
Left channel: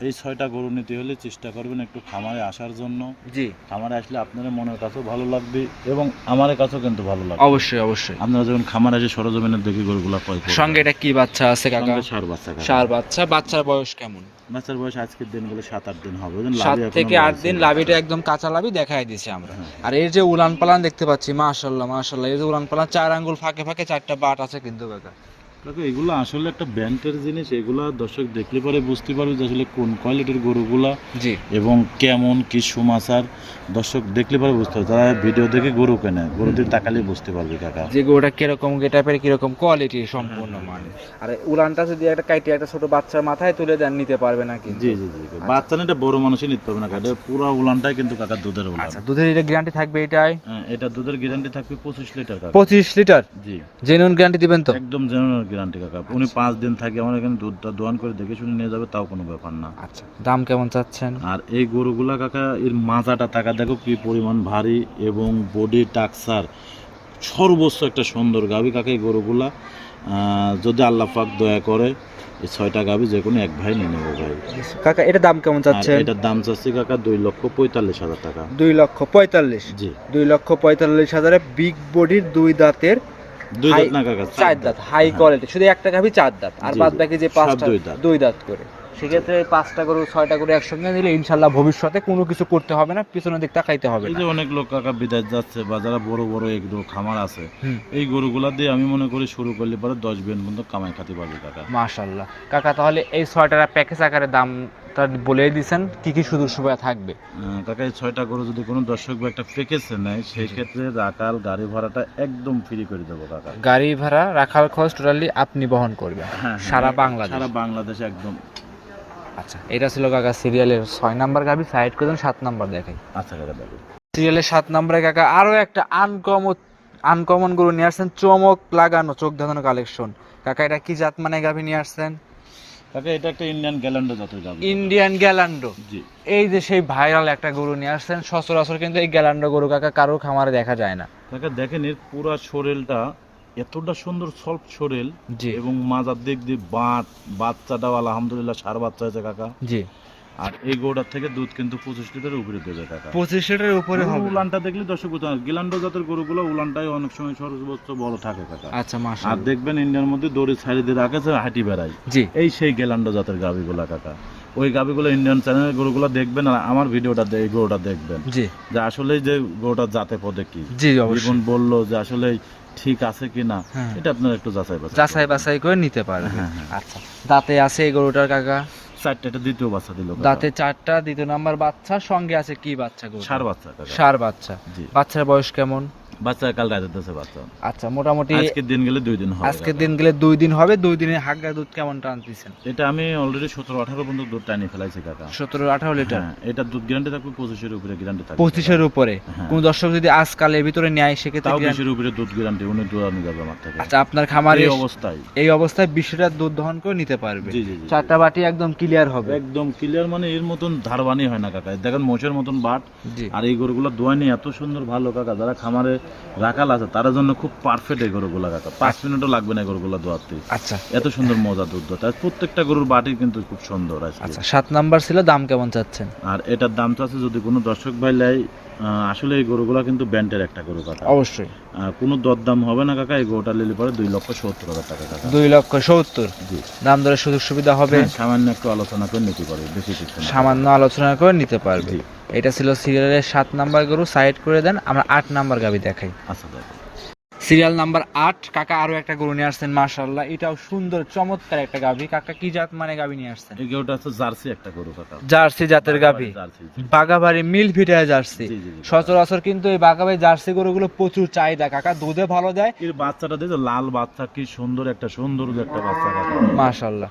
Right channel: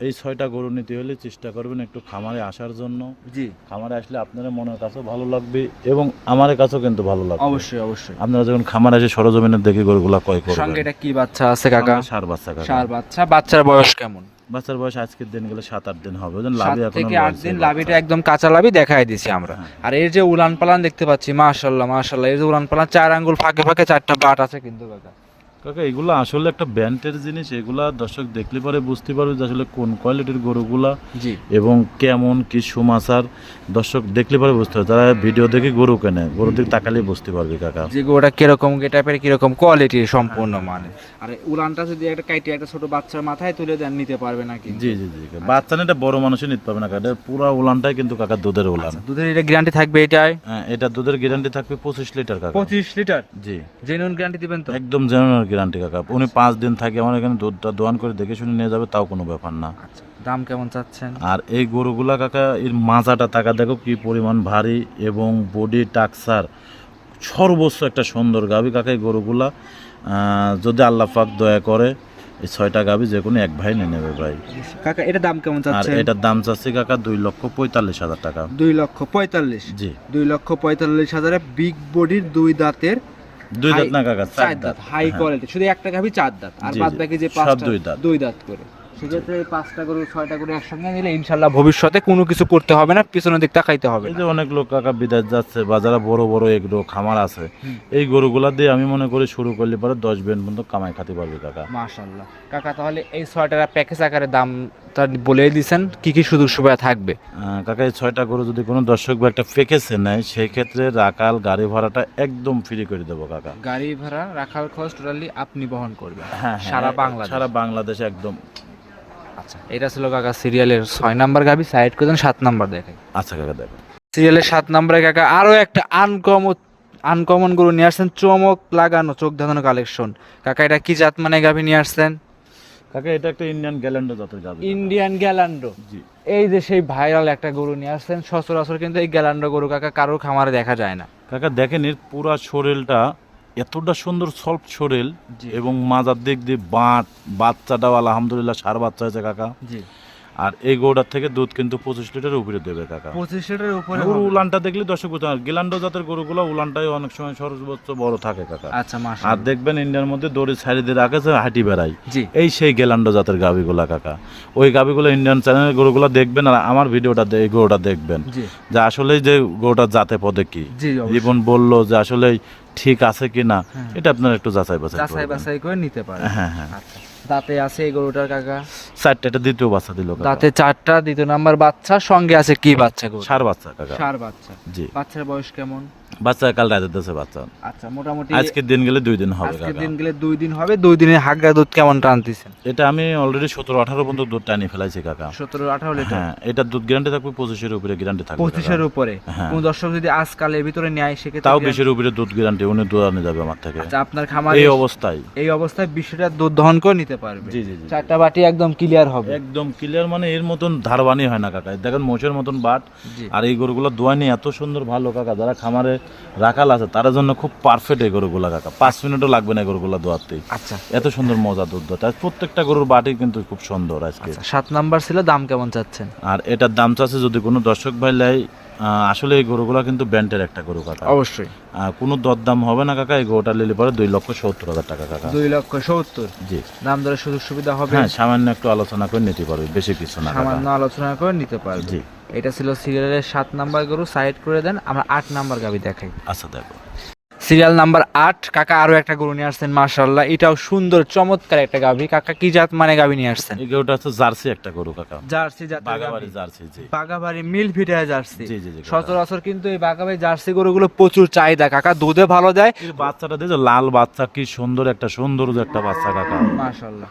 এই ছয়টা গরু নিতে হলে চেষ্টা করবেন একটু খামারে আসার জন্য। জি। খামারে আসলে আপনার মনের কাছেও ভালো লাগবে এবং আমার কাছেও কিন্তু ভালো লাগবে। অবশ্যই অবশ্যই। আপনারা যখন খামারে এসে সরজমিনের দেখে গরুগুলা করবেন। সঙ্গে এটা কি বাচ্চা আছে কাকা? ষাঁড় বাচ্চা। সার বাচ্চা। বাচ্চার বয়স কেমন? বাচ্চার বয়স আজকের দিন গেলে সাত আট দিন হবে? সাত থেকে আট দিন। লাভিটা একদম কাঁচা লাভি দেখাই দিছি আমরা। আর এর যে উলান পালান দেখতে পাচ্ছি মাশাল্লাহ মাশাল্লাহ এই যে উলান পালান চার আঙ্গুল ফাঁকে ফাঁকে চারটা বাট আছে কিন্তু কাকা। কাকা এগুলো আসলে একটা ব্যান্ডের জিনিস এগুলা দর্শক দেখলে পরে বুঝতে পারবে যে আসলে কোন কোয়ালিটির গরুগুলা জি। এবং কেমন কি সুমাচার দর্শক দেখলে পরে বুঝতে পারবে তারা ভিডিও দেখে গরু কেনে গরু দিকে তাকালে বুঝতে পারবে কাকা। যে গরুটা কীরকম টাইপের কীরকম কোয়ালিটির সম্পূর্ণ মানে আর উলানটা যদি একটা কাইটে একটা ছোট বাচ্চার মাথায় তুলে দেন নিতে পারবে নাকি জি জি জি বাচ্চা না এটা বড় মানুষই নিতে পারবে না কাকা পুরো উলানটাই কিন্তু কাকা দুধের উলান আচ্ছা দুধের এটা গ্যারান্টি থাকবে এটাই? হ্যাঁ এটা দুধের গ্যারান্টি থাকবে পঁচিশ লিটার কাকা। পঁচিশ লিটার? জি। জেনুইন গ্যারান্টি দিবেন তো? একদম জেনুইন গ্যারান্টি কাকা। উনি পাঁচ দিন থাকে আমার এখানে দুধটা দোয়ান করে দেখে শুনে নিয়ে যাবে তাও কোনো ব্যাপার না। আচ্ছা দাম কেমন চাচ্ছেন? আর এই গরুগুলা কাকা এর মাজাটা টাকা দেখো কি পরিমাণ ভারী এবং বডি টাকসার সর্বোচ্চ একটা সুন্দর গাভী কাকা এই গরুগুলা। যদি আল্লাহ পাক দয়া করে এই ছয়টা গাভী যে কোনো এক ভাই নিয়ে নেবে ভাই। কাকা এটা দাম কেমন চাচ্ছে এটার দাম চাচ্ছে কাকা দুই লক্ষ পঁয়তাল্লিশ হাজার টাকা। দুই লক্ষ পঁয়তাল্লিশ? জি। দুই লক্ষ পঁয়তাল্লিশ হাজারে বিগ বডির দুই দাঁতের দুই দাঁত না কাকা? চার দাঁত। হাই হ্যাঁ। কোয়ালিটি শুধু একটা গাভি চার দাঁত। আর বাদ বাকি যে পাঁচটা দুই দাঁত করে। সেক্ষেত্রে পাঁচটা গরু ছয়টা গরু একসঙ্গে নিলে ইনশাল্লাহ ভবিষ্যতে কোনো কিছু করতে হবে না পিছনের দিক তাকাইতে হবে এই যে অনেক লোক কাকা বিদেশ যাচ্ছে বা যারা বড় বড় এগুলো খামার আছে এই গরুগুলা দিয়ে আমি মনে করি শুরু করলে পরে দশ বেন পর্যন্ত কামাই খাতে পারবে কাকা। মাশাল্লাহ। কাকা তাহলে এই ছয়টার প্যাকেজ আকারে দাম তার বলেই দিছেন কি কি সুযোগ সুবিধা থাকবে? কাকা এই ছয়টা গরু যদি কোনো দর্শক বা একটা প্যাকেজে নেয় সেই ক্ষেত্রে রাকাল গাড়ি ভাড়াটা একদম ফ্রি করে দেবো কাকা। গাড়ি ভাড়া রাখার খরচ টোটালি আপনি বহন করবেন। হ্যাঁ। সারা বাংলাদেশ। সারা বাংলাদেশে একদম। আচ্ছা। এটা ছিল কাকা সিরিয়ালের ছয় নাম্বার গাবি সাইড করে দেন সাত নাম্বার দেখাই। আচ্ছা কাকা দেখো। সিরিয়ালের সাত নম্বরে কাকা আরও একটা আনকমন আনকমন গরু নিয়ে আসছেন চমক লাগানো চোখ ধাঁধানো কালেকশন কাকা এটা কি জাত মানে গাভি নিয়ে আসছেন? কাকা এটা একটা ইন্ডিয়ান গ্যালেন্ডো জাতের গাভি। ইন্ডিয়ান গ্যালান্ডো জি। এই যে সেই ভাইরাল একটা গরু নিয়ে আসছেন সচরাচর কিন্তু এই গ্যালান্ডো গরু কাকা কারোর খামারে দেখা যায় না। কাকা দেখেন এর পুরা শরীরটা এতটা সুন্দর সফট শরীর জি। এবং মাজার দিক দিয়ে বাঁট বাচ্চাটাও আলহামদুলিল্লাহ সার বাচ্চা হয়েছে কাকা। জি। আর এই গরুটার থেকে দুধ কিন্তু পঁচিশ লিটার উপরে দেবে কাকা। পঁচিশ লিটারের উপরে হবে। উলানটা দেখলে দর্শক। গিলান্ডো জাতের গরুগুলো উলানটাই অনেক সময় সর্বোচ্চ বড় থাকে কাকা। আচ্ছা মাসা আর দেখবেন ইন্ডিয়ার মধ্যে দড়ি ছাড়ি দিয়ে রাখে যে হাঁটি বেড়ায়। জি। এই সেই গেলান্ডো জাতের গাভিগুলা কাকা। ওই গাভিগুলো ইন্ডিয়ান চ্যানেলের গরুগুলো দেখবেন আর আমার ভিডিওটা এই গরুটা দেখবেন। জি। যে আসলে যে গরুটা জাতে পদে কি। জীবন বলল যে আসলে ঠিক আছে কি না হ্যাঁ। এটা আপনার একটু যাচাই বাছাই যাচাই বাছাই করে নিতে পারেন। হ্যাঁ হ্যাঁ। আচ্ছা দাঁতে আছে এই গরুটার কাকা? চারটা এটা দ্বিতীয় বাচ্চা দিল। দাঁতে চারটা দ্বিতীয় নাম্বার বাচ্চা সঙ্গে আছে কি বাচ্চা গরু সার বাচ্চা কাকা। সার বাচ্চা। জি। বাচ্চার বয়স কেমন? বাচ্চা কাল রাতে দিতেছে বাচ্চা। আচ্ছা মোটামুটি আজকের দিন গেলে দুই দিন হবে আজকের দিন গেলে দুই দিন হবে দুই দিনের হাগা দুধ কেমন টানতেছেন এটা আমি অলরেডি সতেরো আঠারো পর্যন্ত দুধ টানিয়ে ফেলাইছি কাকা। সতেরো আঠারো লিটার? হ্যাঁ এটা দুধ গ্যারান্টি থাকবে পঁচিশের উপরে গ্যারান্টি থাকবে পঁচিশের উপরে? হ্যাঁ। কোন দর্শক যদি আজকাল এর ভিতরে নেয় সেক্ষেত্রে তাও বিশের উপরে দুধ গ্যারান্টি উনি দুধ আনে যাবে আমার থেকে। আচ্ছা আপনার খামারে এই অবস্থায়। এই অবস্থায় বিশ লিটার দুধ দহন করে নিতে পারবে। জি জি জি। চারটা বাটি একদম ক্লিয়ার হবে। একদম ক্লিয়ার মানে এর মতন ধারবানি হয় না কাকা। দেখেন মোষের মতন বাট আর এই গরুগুলো দোয়ানি এত সুন্দর ভালো কাকা। যারা খামারে রাখাল আছে তার জন্য খুব পারফেক্ট এই গরুগুলো রাখা। পাঁচ মিনিটও লাগবে না গরু গরুগুলো দোয়াতে আচ্ছা। এত সুন্দর মজা দুধ দোয়াতে প্রত্যেকটা গরুর বাটি কিন্তু খুব সুন্দর আছে আচ্ছা সাত নাম্বার ছিল দাম কেমন চাচ্ছেন? আর এটার দাম চাচ্ছে যদি কোনো দর্শক ভাই আসলে এই গরুগুলো কিন্তু ব্যান্ডের একটা গরু কাকা। অবশ্যই। কোনো দরদাম হবে না কাকা এই গরুটা নিলে পরে দুই লক্ষ সত্তর হাজার টাকা কাকা। দুই লক্ষ সত্তর? জি। দাম দরের সুযোগ সুবিধা হবে? হ্যাঁ সামান্য একটু আলোচনা করে নিতে পারবে বেশি কিছু না সামান্য আলোচনা করে নিতে পারবে। এটা ছিল সিরিয়ালের সাত নাম্বার গরু সাইড করে দেন আমরা আট নাম্বার গাবি দেখাই। আচ্ছা দেখো। সিরিয়াল নাম্বার আট কাকা আরও একটা গরু নিয়ে আসছেন মার্শাল্লাহ এটাও সুন্দর চমৎকার একটা গাভী। কাকা কি জাত মানে গাভী নিয়ে আসছেন? গরুটা হচ্ছে জার্সি একটা গরু কাকা। জার্সি জাতের গাভী। বাগাবাড়ি মিল ফিটায় জার্সি। সচরাচর কিন্তু এই বাগাবাড়ি জার্সি গরুগুলো প্রচুর চাহিদা কাকা। দুধে ভালো দেয়? বাচ্চাটা দিয়েছে লাল বাচ্চা কি সুন্দর একটা সুন্দর একটা বাচ্চা কাকা। মার্শাল্লাহ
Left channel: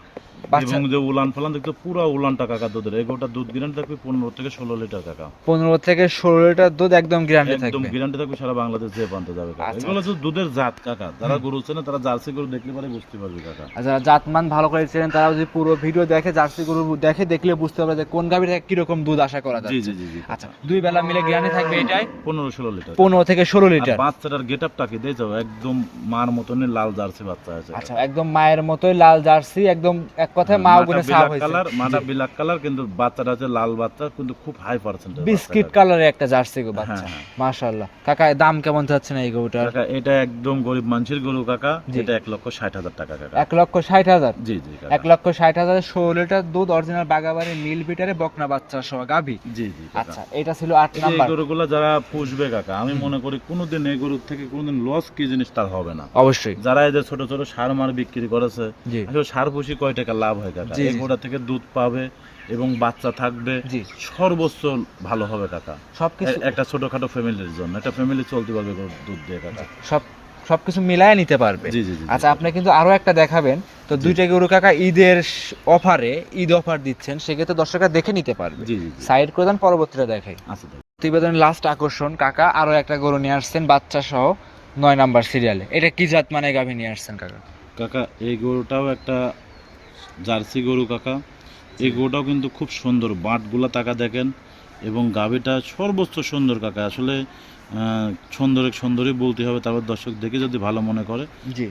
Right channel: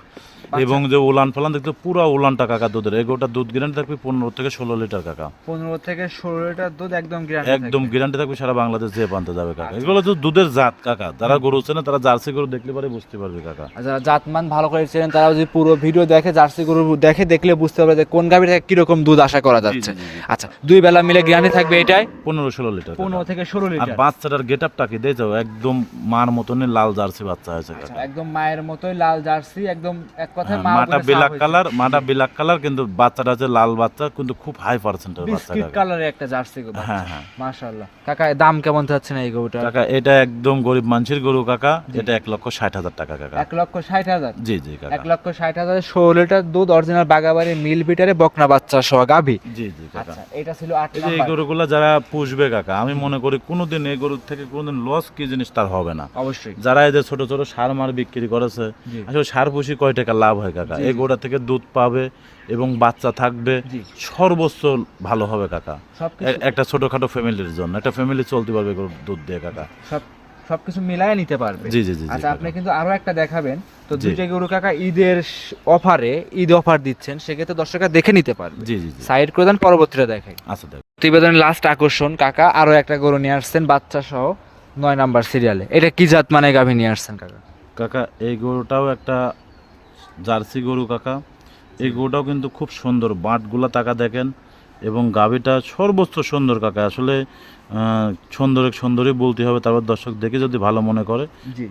এবং যে উলান ফলান দেখতে পুরো উলানটা কাকা দুধের। এই গরুটা দুধ গ্যারান্টি থাকবে পনেরো থেকে ষোলো লিটার কাকা। পনেরো থেকে ষোলো লিটার দুধ একদম গ্যারান্টি একদম গ্যারান্টি থাকবে সারা বাংলাদেশ যে পান্তে যাবে কাকা। আচ্ছা। এগুলো তো দুধের জাত কাকা। যারা গরু হচ্ছে না তারা জার্সি গরু দেখলে পরে বুঝতে পারবে কাকা। আর যারা জাতমান ভালো করে চেনেন তারা যদি পুরো ভিডিও দেখে জার্সি গরু দেখে দেখলে বুঝতে পারবে যে কোন গাভি থেকে কীরকম দুধ আশা করা যাচ্ছে। আচ্ছা দুই বেলা মিলে গ্যারান্টি থাকবে এটাই? পনেরো ষোলো লিটার। পনেরো থেকে ষোলো আর লিটার। বাচ্চাটার গেট আপটা কি দিয়ে যাও একদম মার মতনই লাল জার্সি বাচ্চা হয়েছে আচ্ছা একদম মায়ের মতোই লাল জার্সি একদম এক কথায় মা মাটা বলে কালার মাটা বিলাক কালার কিন্তু বাচ্চাটা আছে লাল বাচ্চা কিন্তু খুব হাই পার্সেন্ট বিস্কিট কালারের একটা জার্সি গো বাচ্চা। হ্যাঁ, হ্যাঁ। মাশাআল্লাহ। কাকা দাম কেমন চাচ্ছেন এই গরুটার? কাকা এটা একদম গরিব মানুষের গরু কাকা। এটা এক লক্ষ ষাট হাজার টাকা কাকা। এক লক্ষ ষাট হাজার? জি জি কাকা। এক লক্ষ ষাট হাজারের ষোলো লিটার দুধ অরিজিনাল বাগাবাড়ি মিল বিটারে বকনা বাচ্চা সহ জি জি কাকা। আচ্ছা এটা ছিল এই যারা পুষবে কাকা আমি মনে করি কোনোদিন এই গরুর থেকে কোনোদিন লস কি জিনিস তার হবে না। অবশ্যই। যারা এই যে ছোট ছোট সার মার বিক্রি করেছে আসলে সার পুষি কয় টাকা লাভ হয় কাকা। এই। গরুটা থেকে দুধ পাবে এবং বাচ্চা থাকবে। জি। সর্বোচ্চ ভালো হবে কাকা। সবকিছু একটা ছোটখাটো ফ্যামিলির জন্য একটা ফ্যামিলি চলতে পারবে দুধ দিয়ে কাকা। সব সবকিছু মিলায় নিতে পারবে। জি জি আচ্ছা আপনি কিন্তু আরও একটা দেখাবেন। তো দুইটা গরু কাকা ঈদের অফারে ঈদ অফার দিচ্ছেন সেক্ষেত্রে দর্শকরা দেখে নিতে পারবে। জি জি জি। সাইড করে দেন পরবর্তীটা দেখাই। আচ্ছা প্রতিবেদনের লাস্ট আকর্ষণ কাকা আরও একটা গরু নিয়ে আসছেন বাচ্চা সহ নয় নাম্বার সিরিয়ালে এটা কি জাত মানে গাভী নিয়ে আসছেন কাকা? কাকা এই গরুটাও একটা জার্সি গরু কাকা। এই গরুটাও কিন্তু খুব সুন্দর। বাঁটগুলা তাকা দেখেন এবং গাভীটা সর্বোচ্চ সুন্দর কাকা। আসলে সুন্দর সুন্দরই বলতে হবে তারপর দর্শক দেখে যদি ভালো মনে করে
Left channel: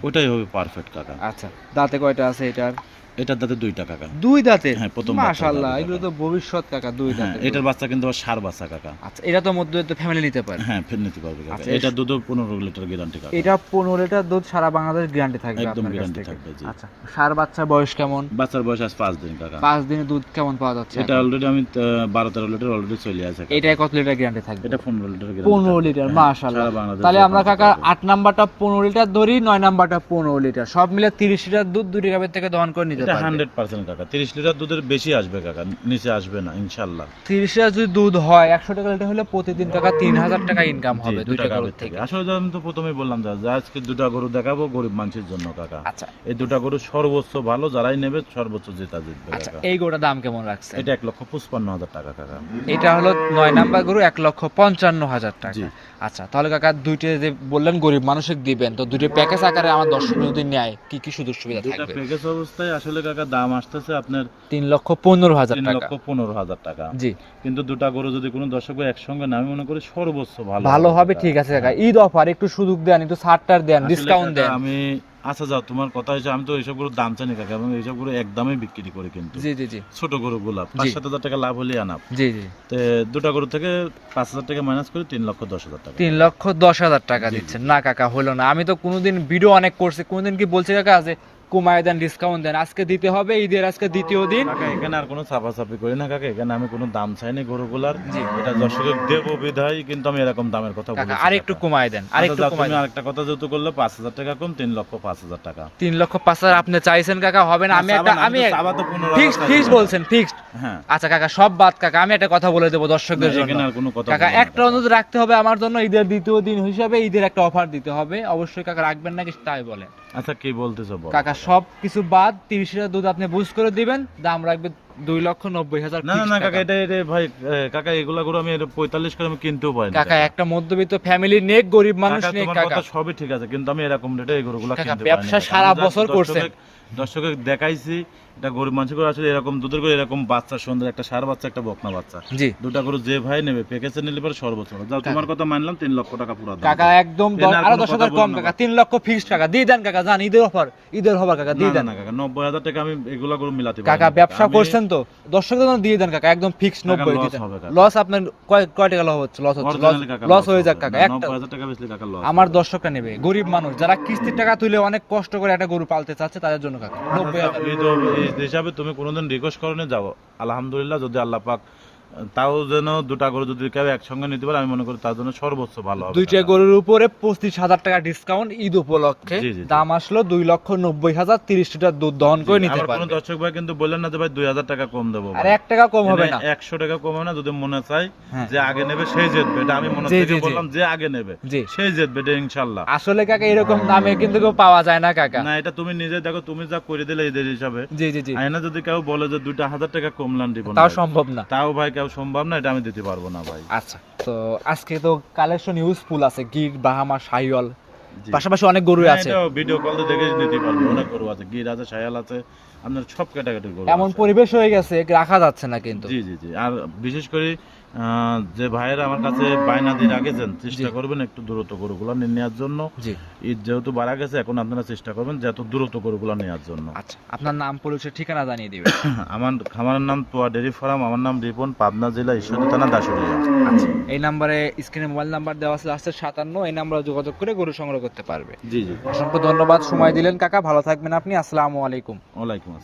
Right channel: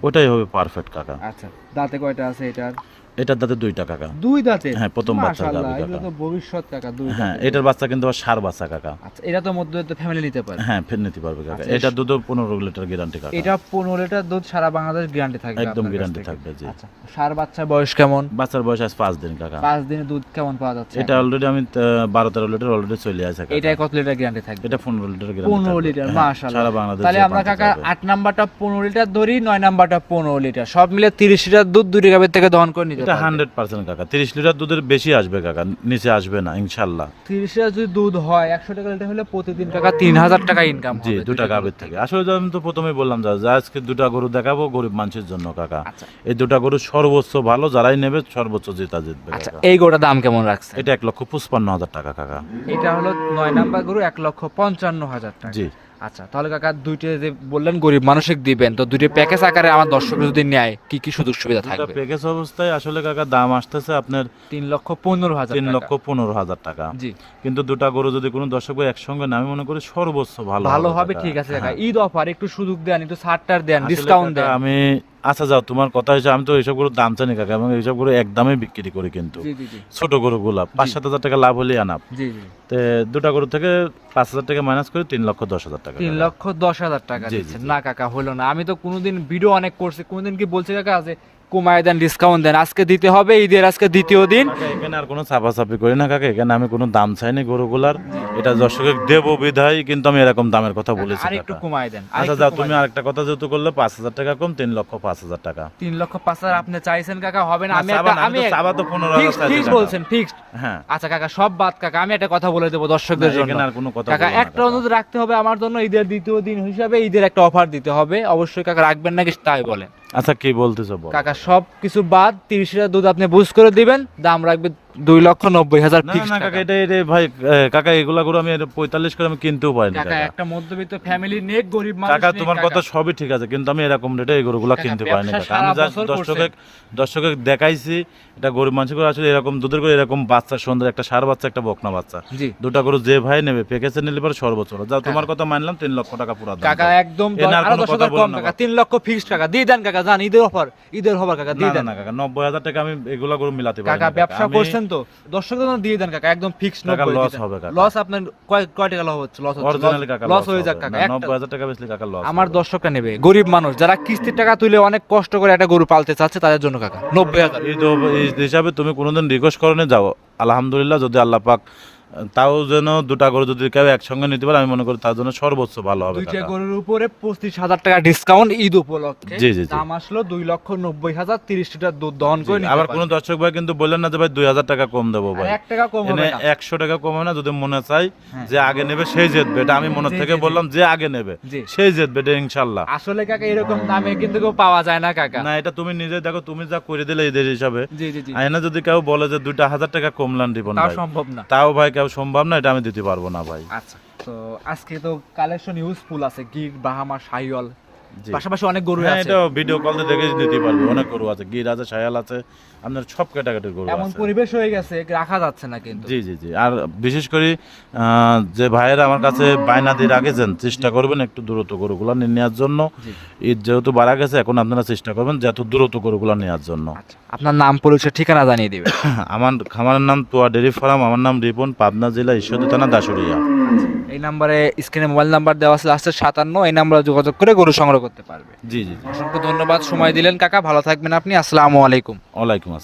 ওটাই হবে পারফেক্ট কাকা। আচ্ছা দাঁতে কয়টা আছে এটার? এটার দাঁতে দুইটা কাকা। দুই দাঁতে? হ্যাঁ, প্রথম মাশাআল্লাহ এগুলো তো ভবিষ্যৎ কাকা দুই হ্যাঁ দাঁতে। এটার বাচ্চা কিন্তু সার বাচ্চা কাকা। আচ্ছা এটা তো মধ্যবিত্ত ফ্যামিলি নিতে পারে। হ্যাঁ ফের নিতে পারবে কাকা। আচ্ছা, এটা দুধও পনেরো লিটার গ্যারান্টি কাকা। এটা পনেরো লিটার দুধ সারা বাংলাদেশ গ্যারান্টি থাকবে একদম গ্যারান্টি থাকবে জি। আচ্ছা সার বাচ্চা বয়স কেমন? বাচ্চার বয়স আজ পাঁচ দিন কাকা। পাঁচ দিনে দুধ কেমন পাওয়া যাচ্ছে? এটা অলরেডি আমি আহ, বারো তেরো লিটার অলরেডি চলে আছে। এটাই কত লিটার গ্যারান্টি থাকবে? এটা পনেরো লিটার পনেরো লিটার মাশাআল্লাহ সারা বাংলাদেশ তাহলে আমরা কাকা যাবে। আট নাম্বারটা পনেরো লিটার ধরি নয় নাম্বারটা পনেরো লিটার সব মিলে তিরিশ লিটার দুধ দুটি গাভীর থেকে দহন করে নিতে এটা হান্ড্রেড পার্সেন্ট কাকা। তিরিশ লিটার দুধের বেশি আসবে কাকা নিচে আসবে না ইনশাল্লাহ। তিরিশ হাজার যদি দুধ হয় একশো টাকা লিটার হলে প্রতিদিন টাকা তিন হাজার টাকা ইনকাম হবে দুটা গাভীর থেকে। আসলে আমি তো প্রথমেই বললাম যা আজকে দুটা গরু দেখাবো গরিব মানুষের জন্য কাকা। আচ্ছা। এই দুটা গরু সর্বোচ্চ ভালো যারাই নেবে সর্বোচ্চ জেতা জিতবে আচ্ছা এই গোটা দাম কেমন রাখছে এটা এক লক্ষ পঁচপান্ন হাজার টাকা কাকা। এটা হলো নয় নাম্বার গরু এক লক্ষ পঞ্চান্ন হাজার টাকা। আচ্ছা তাহলে কাকা দুইটা যে বললেন গরিব মানুষকে দিবেন তো দুইটা প্যাকেজ আকারে আমার দর্শক যদি নেয় কি কি সুযোগ সুবিধা থাকবে? প্যাকেজ অবস্থায় আসলে কাকা দাম আসতেছে আপনার তিন লক্ষ পনেরো হাজার তিন লক্ষ পনেরো হাজার টাকা। জি। কিন্তু দুটা গরু যদি কোনো দর্শক একসঙ্গে না আমি মনে করি সর্বোচ্চ ভালো ভালো হবে ঠিক আছে কাকা। হ্যাঁ। ঈদ অফার একটু সুযোগ দেন একটু ছাড়টার দেন ডিসকাউন্ট দেন। আমি আচ্ছা যাও তোমার কথা হয়েছে আমি তো এইসব গরুর দাম জানি কাকা এবং এইসব গরু একদমই বিক্রি করি কিন্তু। ছোট গরু গুলা পাঁচ সাত হাজার টাকা লাভ হলে আনাপ দুটা গরু থেকে পাঁচ হাজার টাকা মাইনাস করে তিন লক্ষ দশ হাজার টাকা। তিন লক্ষ দশ হাজার টাকা দিচ্ছেন। না কাকা হলো না। আমি তো কোনোদিন ভিডিও অনেক করছি কোনোদিন কি বলছি কাকা যে কমায় দেন ডিসকাউন্ট দেন। আজকে দিতে হবে ঈদের আজকে দ্বিতীয় দিন। এখানে আর কোনো চাপাচাপি করি না কাকা। এখানে আমি কোনো দাম চাইনি গরুগুলার। এটা দর্শকের দেব বিধায় কিন্তু আমি এরকম দামের কথা বলেছি আর একটু। কমায় দেন আচ্ছা তুমি আরেকটা কথা যেহেতু করলে পাঁচ হাজার টাকা কম তিন লক্ষ পাঁচ হাজার টাকা। তিন লক্ষ পাঁচ হাজার আপনি চাইছেন কাকা হবে না। আমি একটা আমি ফিক্সড ফিক্সড বলছেন ফিক্সড হ্যাঁ। আচ্ছা কাকা সব বাদ কাকা আমি একটা কথা বলে দেবো দর্শকদের জন্য। আর কোনো কথা কাকা একটা অনুরোধ রাখতে হবে আমার জন্য ঈদের দ্বিতীয় দিন হিসাবে ঈদের একটা অফার দিতে হবে। অবশ্যই কাকা রাখবেন নাকি তাই বলেন। আচ্ছা কি বলতেছো বলো? কাকা সব কিছু বাদ, তিরিশ লিটার দুধ আপনি বুঝ করে দিবেন, দাম রাখবে দুই লক্ষ নব্বই হাজার না না কাকা এটা এটা ভাই কাকা এগুলা করে আমি পঁয়তাল্লিশ করে আমি কিনতেও পারি কাকা। একটা মধ্যবিত্ত ফ্যামিলি নিয়ে গরিব মানুষ কাকা তোমার কথা সবই ঠিক আছে কিন্তু আমি এরকম রেটে এই গরুগুলা কিনতে পারি না সারা বছর করছেন। দর্শকের- দর্শকের দেখাইছি এটা গরিব মানুষ করে আসলে এরকম দুধের করে এরকম বাচ্চা সুন্দর একটা সার বাচ্চা একটা বকনা বাচ্চা। জি। দুটা গরু যে ভাই নেবে প্যাকেজে নিলে পরে সর্বোচ্চ। যা তোমার কথা মানলাম তিন লক্ষ টাকা পুরো কাকা একদম আরও দশ হাজার কম কাকা তিন লক্ষ ফিক্সড টাকা। দিয়ে দেন কাকা জান ঈদের অফার ঈদের হবার কাকা দিয়ে দেন। না কাকা নব্বই হাজার টাকা আমি এগুলা গরু মিলাতে কাকা ব্যবসা আমি- তো? দর্শকদের জন্য দিয়ে দেন কাকা একদম ফিক্স নব্বই। লস আপনার কয় কয় টাকা লস হচ্ছে? লস হচ্ছে লস হয়ে যাক কাকা একটা টাকা বেচলে কাকা loss আমার দর্শক নেবে গরিব মানুষ যারা কিস্তির টাকা তুলে অনেক কষ্ট করে একটা গরু পালতে চাচ্ছে তাদের জন্য কাকা নব্বই হাজার হিসাবে তুমি কোনোদিন রিকোয়েস্ট করনে যাও। আলহামদুলিল্লাহ যদি আল্লাহ পাক তাও যেন দুটা গরু যদি কেউ একসঙ্গে নিতে পারে আমি মনে করি তার জন্য সর্বোচ্চ ভালো হবে দুইটা গরুর উপরে পঁচিশ হাজার টাকা ডিসকাউন্ট ঈদ উপলক্ষে। জি, জি, জি। দাম আসলো দুই লক্ষ নব্বই হাজার তিরিশ লিটার দুধ দহন করে নিতে আবার কোনো দর্শক ভাই কিন্তু বললেন না যে ভাই দুই হাজার টাকা কম দেবো আর এক টাকা কম হবে না। একশো টাকা কম হবে না যদি মনে চাই হ্যাঁ। যে আগে নেবে সেই জিতবে এটা আমি মনে থেকে। বললাম যে আগে নেবে সেই জিতবে এটা ইনশাল্লাহ। আসলে কাকা এরকম দামে কিন্তু কেউ পাওয়া যায় না কাকা। না এটা তুমি নিজে দেখো তুমি যা করে দিলে এদের হিসাবে। জি জি জি। যদি কেউ বলে যে দুইটা হাজার টাকা কমলান দিব তাও সম্ভব না। তাও ভাই কেউ সম্ভব না, এটা আমি দিতে পারব না ভাই আচ্ছা তো আজকে তো কালেকশন ইউজফুল আছে গিগ বাহামা, সাইওয়াল। পাশাপাশি অনেক গরু হ্যাঁ, আছে। ভিডিও কল দেখে নিতে পারব অনেক গরু আছে। গির আছে শায়াল আছে আপনার সব ক্যাটাগরির গরু এমন পরিবেশ হয়ে গেছে রাখা যাচ্ছে না কিন্তু। জি জি জি। আর বিশেষ করে যে ভাইয়েরা আমার কাছে বায়না দিয়ে রাখেছেন চেষ্টা করবেন একটু দূরত্ব গরুগুলো নিয়ে নেওয়ার জন্য। জি। ঈদ যেহেতু বাড়া গেছে এখন আপনারা চেষ্টা করবেন যত দূরত্ব গরুগুলো নেওয়ার জন্য। আচ্ছা আপনার নাম পরিচয় ঠিকানা জানিয়ে দিবে আমার খামারের নাম তোয়া ডেরি ফার্ম আমার নাম রিপন পাবনা জেলা ঈশ্বরদী থানা দাসুরিয়া। এই নাম্বারে স্ক্রিনে মোবাইল নাম্বার দেওয়া আছে লাস্টের সাতান্ন এই নাম্বারে যোগাযোগ করে গরু সংগ্রহ করতে পারবে। জি জি। অসংখ্য ধন্যবাদ সময় দিলেন কাকা ভালো থাকবেন আপনি আসসালামু আলাইকুম। ওয়ালাইকুম আসসালাম।